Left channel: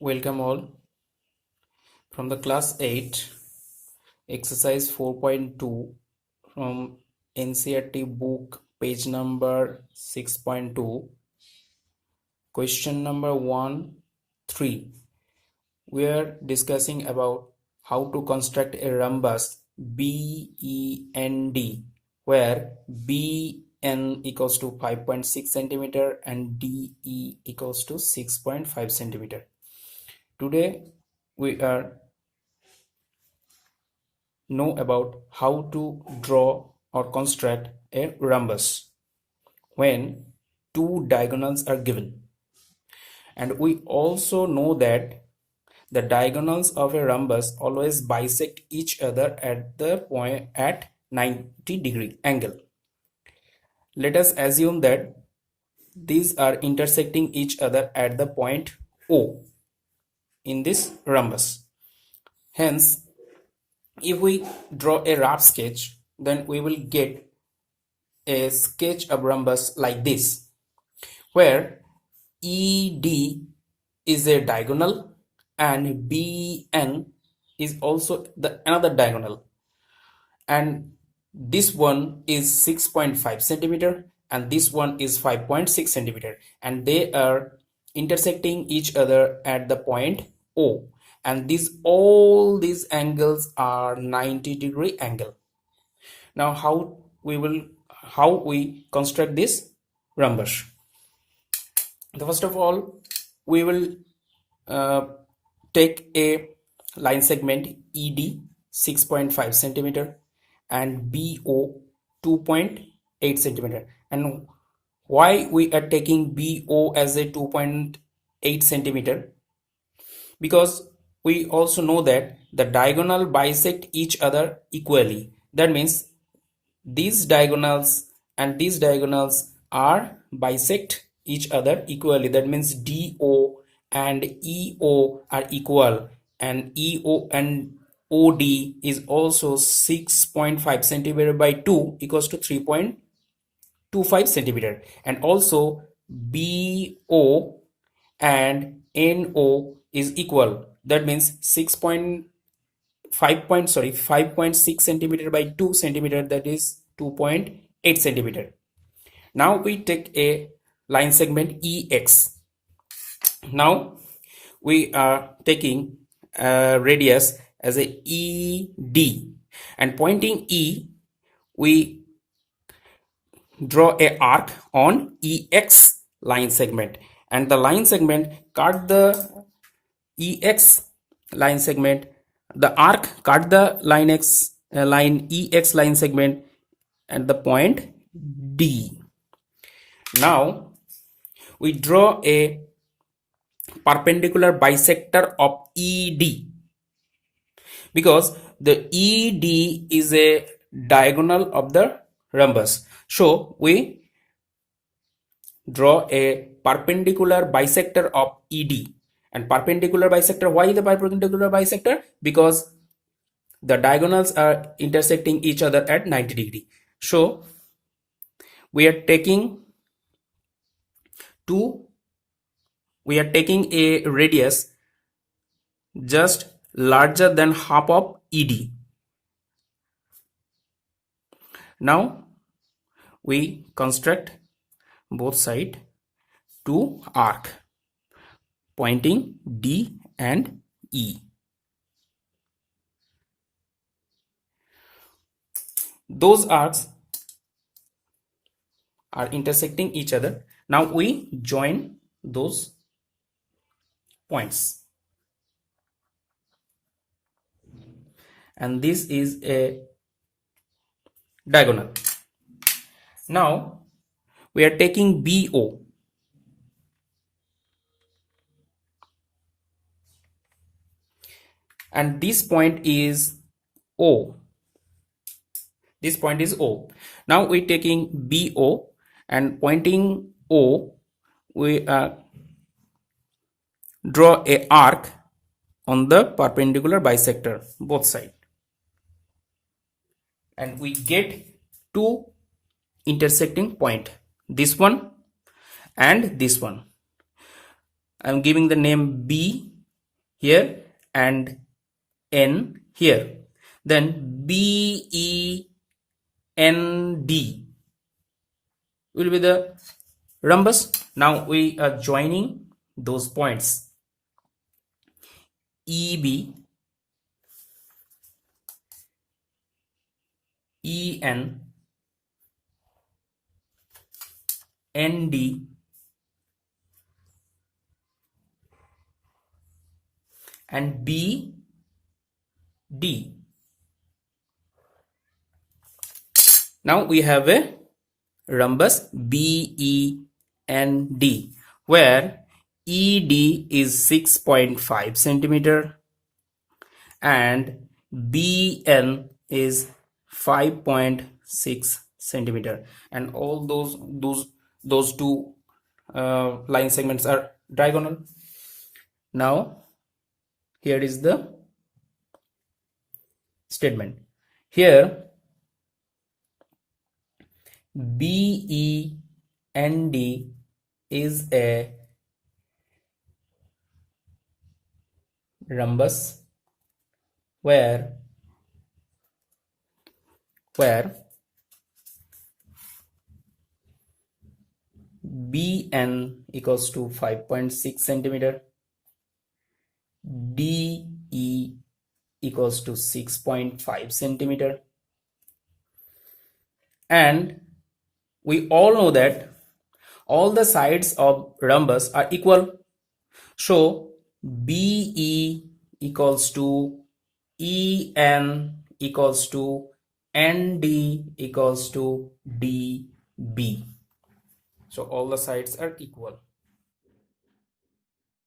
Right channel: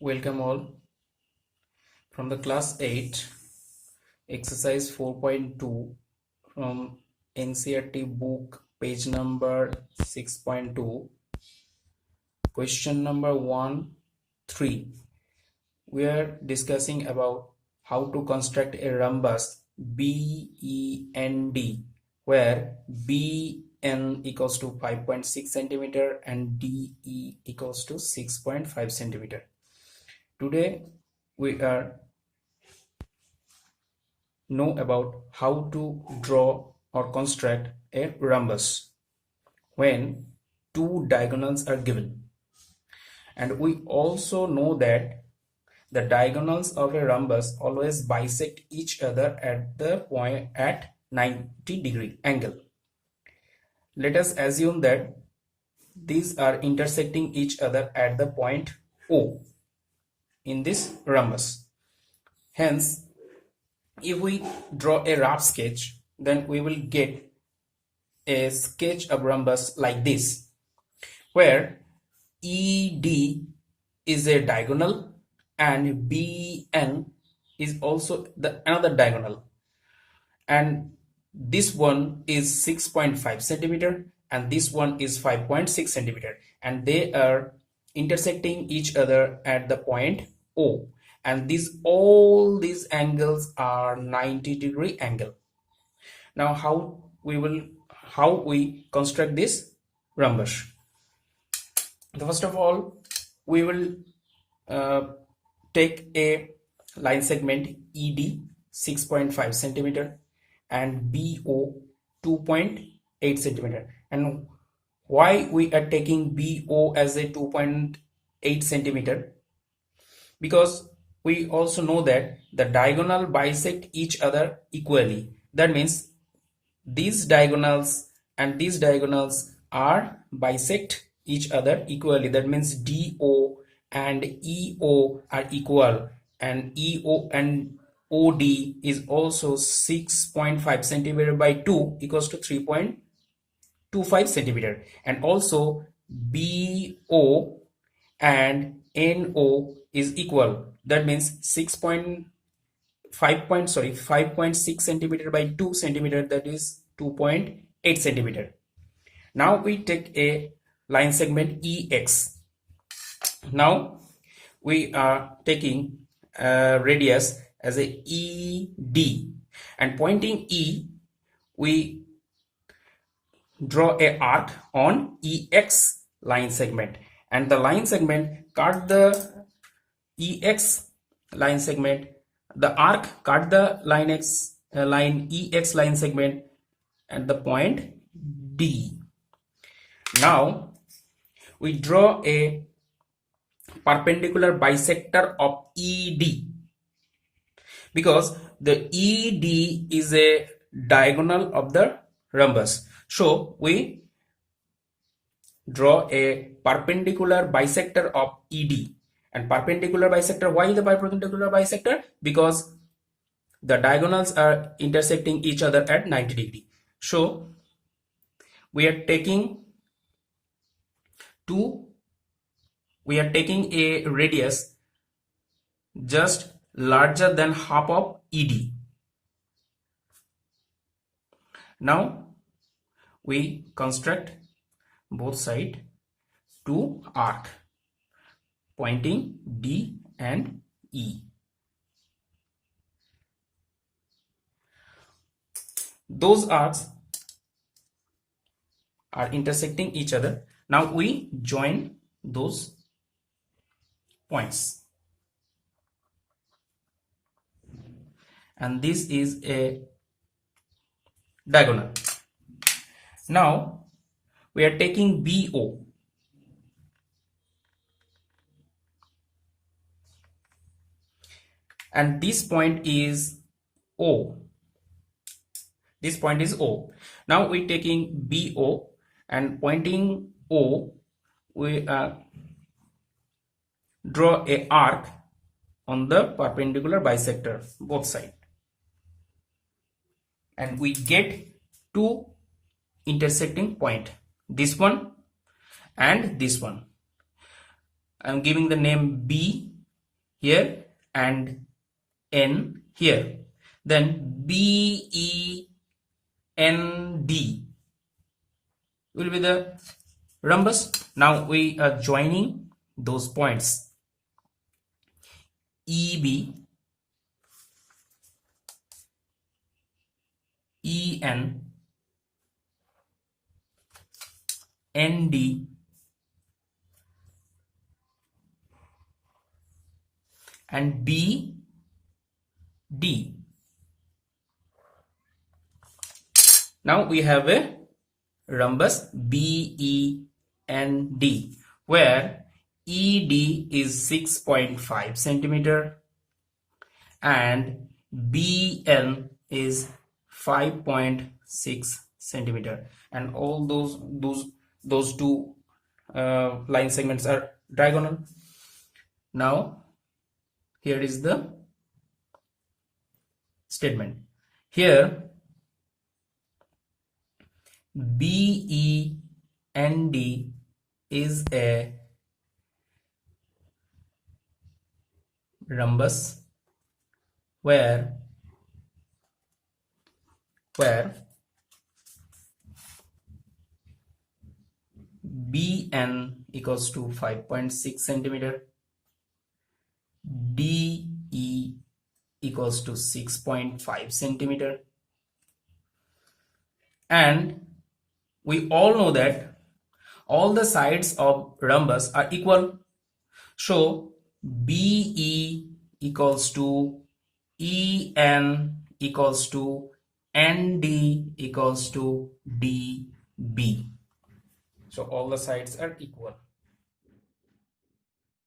Welcome all from the class 8 exercise 4.2 from NCERT book page number 6.2 question number 1 3. We are discussing about how to construct a rhombus BEND where BN equals to 5.6 centimeter and DE equals to 6.5 centimeter. Today we are know about how to draw or construct a rhombus when two diagonals are given, and we also know that the diagonals of a rhombus always bisect each other at the point at 90-degree angle. Let us assume that these are intersecting each other at the point O in this rhombus. Hence, if we draw a rough sketch, then we will get a sketch of rhombus like this, where ED is a diagonal and BN is also the another diagonal, and this one is 6.5 centimeter and this one is 5.6 centimeter, and they are intersecting each other at the point O, and all these angles are 90-degree angle. Now how we construct this rhombus? First of all, we will take a line segment ED 6.5 centimeter and BO 2.8 centimeter. And why we are taking BO as a 2.8 centimeter? Because we also know that the diagonal bisect each other equally. That means these diagonals and these diagonals are bisect each other equally. That means DO and EO are equal, and EO and OD is also 6.5 centimeter by 2 equals to 3.25 centimeter, and also BO and NO is equal. That means 5.6 centimeter by 2 centimeter, that is 2.8 centimeter. Now we take a line segment EX. Now we are taking a radius as a ED, and pointing E we draw a arc on EX line segment, and the line segment cut the EX line segment, the arc cut the line EX line segment at the point D. Now we draw a perpendicular bisector of ED, because the ED is a diagonal of the rhombus. So we draw a perpendicular bisector of ED. And perpendicular bisector, why the perpendicular bisector? Because the diagonals are intersecting each other at 90 degree. So we are taking a radius just larger than half of ED. Now we construct both sides to arc pointing D and E. Those arcs are intersecting each other. Now we join those points, and this is a diagonal. Now we are taking BO, and this point is O. This point is O. Now we are taking BO and pointing O, we draw a arc on the perpendicular bisector both sides, and we get two intersecting point, this one and this one. I'm giving the name B here and N here. Then BEND will be the rhombus. Now we are joining those points EB, EN, ND, and BD. Now we have a rhombus BEND where ED is 6.5 centimeter and BN is 5.6 centimeter, and all those two line segments are diagonal. Now here is the statement. Here BEND is a rhombus where BN equals to 5.6 centimeter, DE equals to 6.5 centimeter, and we all know that all the sides of rhombus are equal. So BE equals to EN equals to ND equals to DB. So all the sides are equal.